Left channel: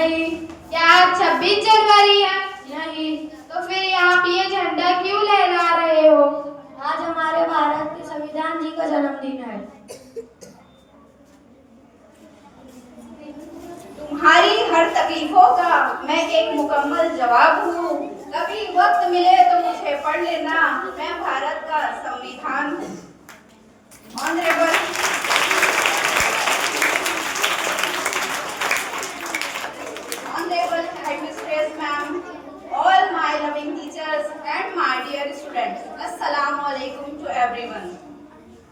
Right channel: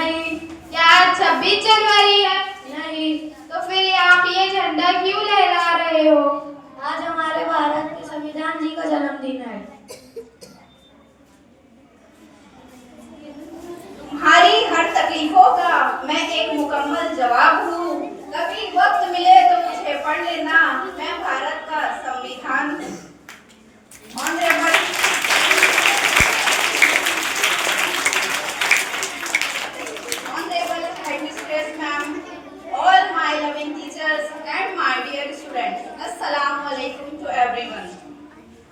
नहीं। क्या आज 26 जनवरी है? नहीं। तो फिर आप ये झंडा क्यों लहरा रहे हो? आज हमारे भारत के संविधान जी का जन्मदिन है। तुम्हारी हर तकलीफों का मैं एक मुकम्मल जवाब हूँ। कभी वक्त मिले तो मुझे पढ़ लेना, मैं भारत का संविधान हूँ। Honourable headmistress ma'am, all my loving teachers and my dear students, अस्सलाम वालेकुम टू एवरीवन।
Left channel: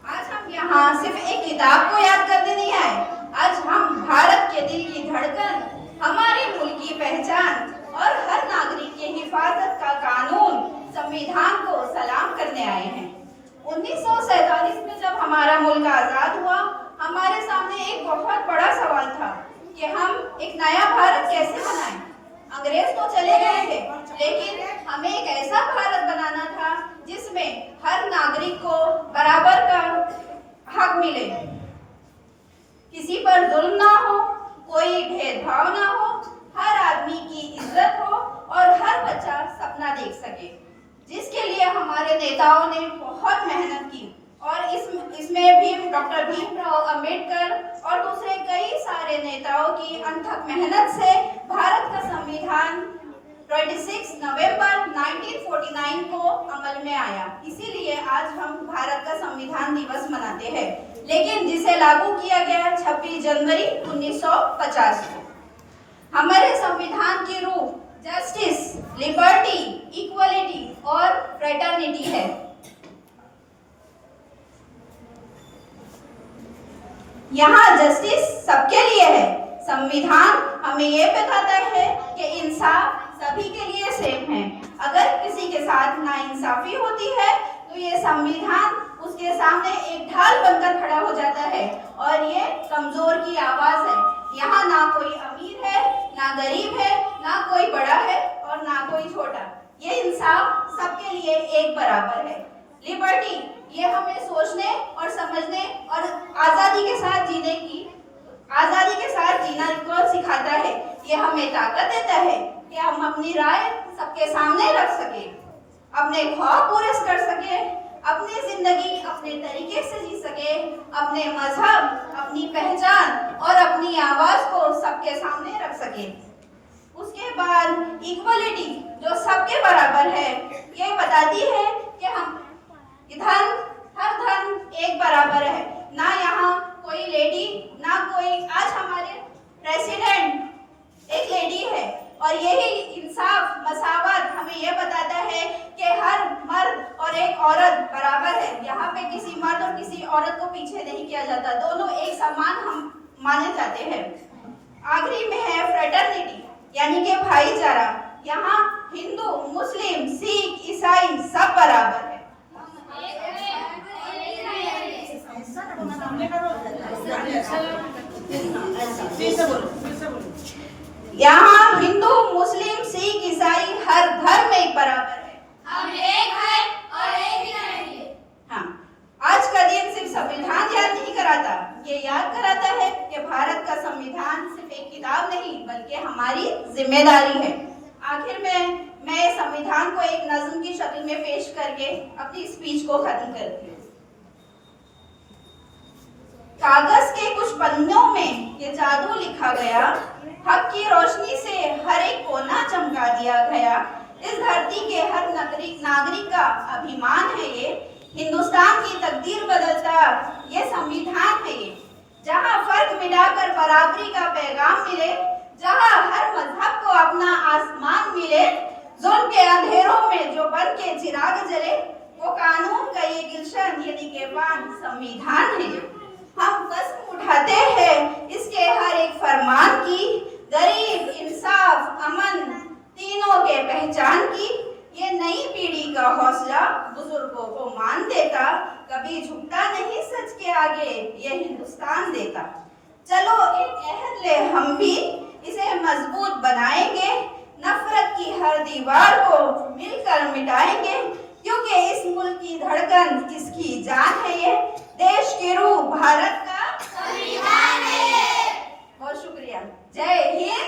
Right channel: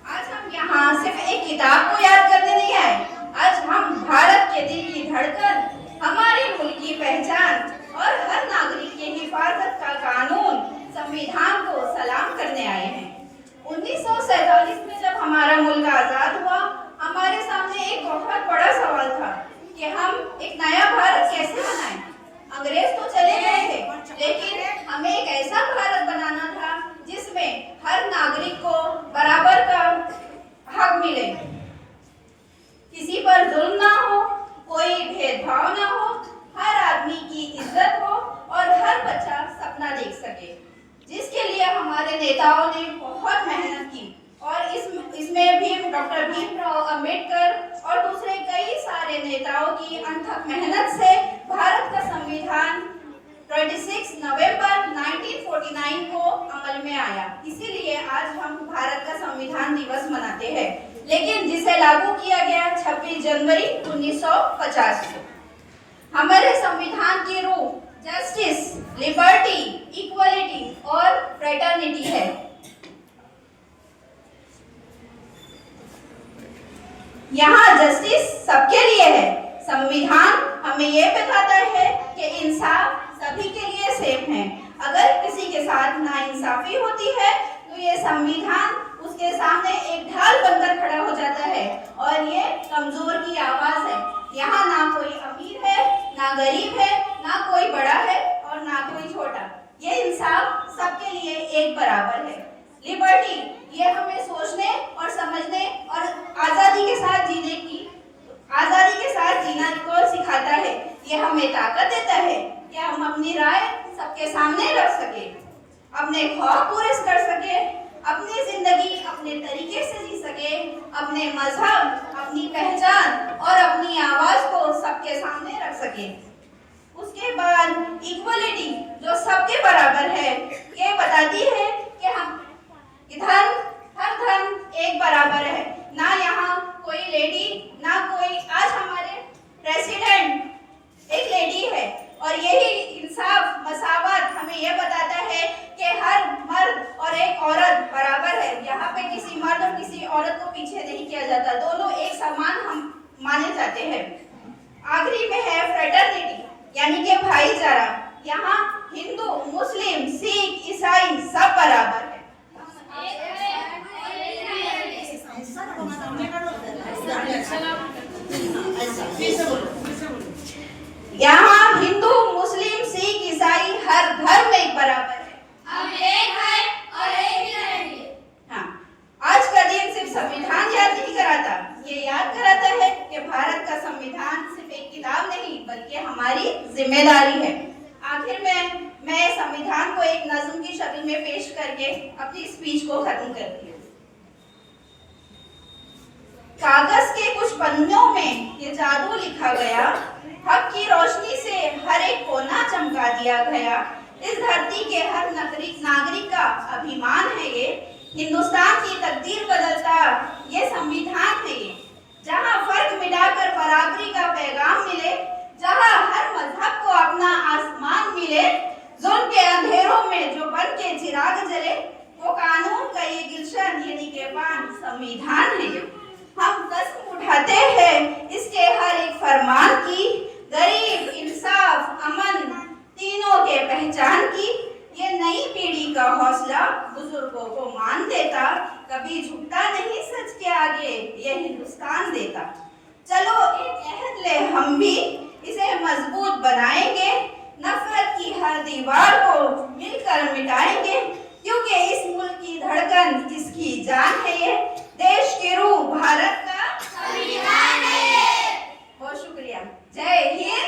आज हम यहाँ सिर्फ एक किताब को याद करने नहीं आए। आज हम भारत के दिल की धड़कन, हमारे मुल्क की पहचान और हर नागरिक के हिफाजत का कानून संविधान को सलाम करने आए हैं। 1947 में जब हमारा मुल्क आजाद हुआ, हमारे सामने एक बहुत बड़ा सवाल था कि हम एक नया भारत कैसे बनाएं। अंग्रेज तो चले गए थे, लेकिन हमें एक ऐसा भारत बनाना था जिसमें हर नागरिक को बराबर का हक मिले, किसी पर जुल्म ना हो, कोई भेदभाव ना हो, हर आदमी की इज्जत हो और हर बच्चा सपना देख सके, जिसके लिए हमारे नेताओं ने बहुत मेहनत की। और इसमें भी डॉक्टर भीमराव अंबेडकर और दूसरे कई सारे नेताओं की अथक मेहनत से भारत का संविधान 26 नवंबर 1949 को अमल में आया। इसीलिए आज हम भारत का संविधान दिवस मनाते हैं, लेकिन जिसे लागू किया गया 26 जनवरी 1950 को। हमारे संविधान की रूह जस्टिस, लिबर्टी, इक्वलिटी और फ्रेटर्निटी है। यहाँ जस्टिस सबके लिए है। संविधान हमें ये बताता है कि इंसाफ सभी के लिए सेम है। अगर किसी के साथ नाइंसाफी होती है तो ये संविधान उसके सामने एक ढाल बनकर खड़ा हो जाता है और ये कमजोर की आवाज है। यहाँ ना कोई अमीर है, ना गरीब है, ना कोई बड़ा है और ना कोई छोटा। ये इंसाफ सबके लिए एक बराबर है। लिबर्टी, ये हमें सोचने और समझने और आजादी के साथ जीना को सिखाता है। ये हमें ताकत देता है कि हम अपनी राय सबके सामने रख सके, अपने ख्वाब पूरे कर सके, अपनी जिंदगी अपने तरीके से जी सके, अपने मजहब, अपनी पहचान और अपनी आवाज को सबके सामने रख सके। उसके बाद इक्वलिटी, जो सबके बराबर है, ये बताती है कि हम हर धर्म एक बराबर है। ना यहाँ कोई लेडी, ना कोई, आज हमारे प्रेसिडेंट एक लेडी है और यही इंसाफ, मसावत हमें यह बताता है कि हर मर्द और एक औरत बराबर है। यहाँ पे किसी मर्द और किसी औरत को पीछे नहीं किया जाता, दोनों एक समान हम माने जाते हैं। आखिरी में है फ्रेटर्निटी, यानी कि भाईचारा। यहाँ हिंदू, मुस्लिम, सिख, ईसाई सब बराबर है। यहाँ हिंदू, मुस्लिम, सिख, ईसाई हर धर्म एक बराबर है। हम एक हैं और एक ही रहेंगे। हाँ, आज का दिन सिर्फ संविधान याद नहीं कराता, ये याद कराता है कि भारत का संविधान सिर्फ एक किताब नहीं बल्कि हमारी जिम्मेदारी है। आखिर में मैं संविधान को एक नज्म की शक्ल में पेश करके अपनी स्पीच को खत्म करती हूँ। कागज के कुछ पन्नों में ये जादू लिखा गया, हक की रोशनी से हर एक कोना चमका दिया गया। इस धरती के हर नागरिक का अभिमान है ये, हिंदुस्तान की तकदीर बदलता ये संविधान है ये। जहाँ फर्क मिटाकर बराबरी का पैगाम मिले, जहाँ हर मजहब को अपना आसमान मिले, जुल्म के अंधेरों में जो बन के चिराग जले, वो कानून का ये गुलशन यानी के पान संविधान है। हम कसम उठाते हैं इसके हर एक फरमान की, गरीब, इंसाफ, अमन तीनों के पहचान की। ये नई पीढ़ी का हौसला बुजुर्गों को मान देता, कभी झुकता नहीं सच के आगे ये हिंदुस्तान देता। चलो एक अहद ले हम भी, इसे मजबूत बनाएंगे, नफरत की हर दीवार को मिलकर मिटाएंगे, क्योंकि इस मुल्क की धड़कन इसकी जान है ये, देश की रूह भारत का संविधान है। बहुत शुक्रिया। जय हिंद।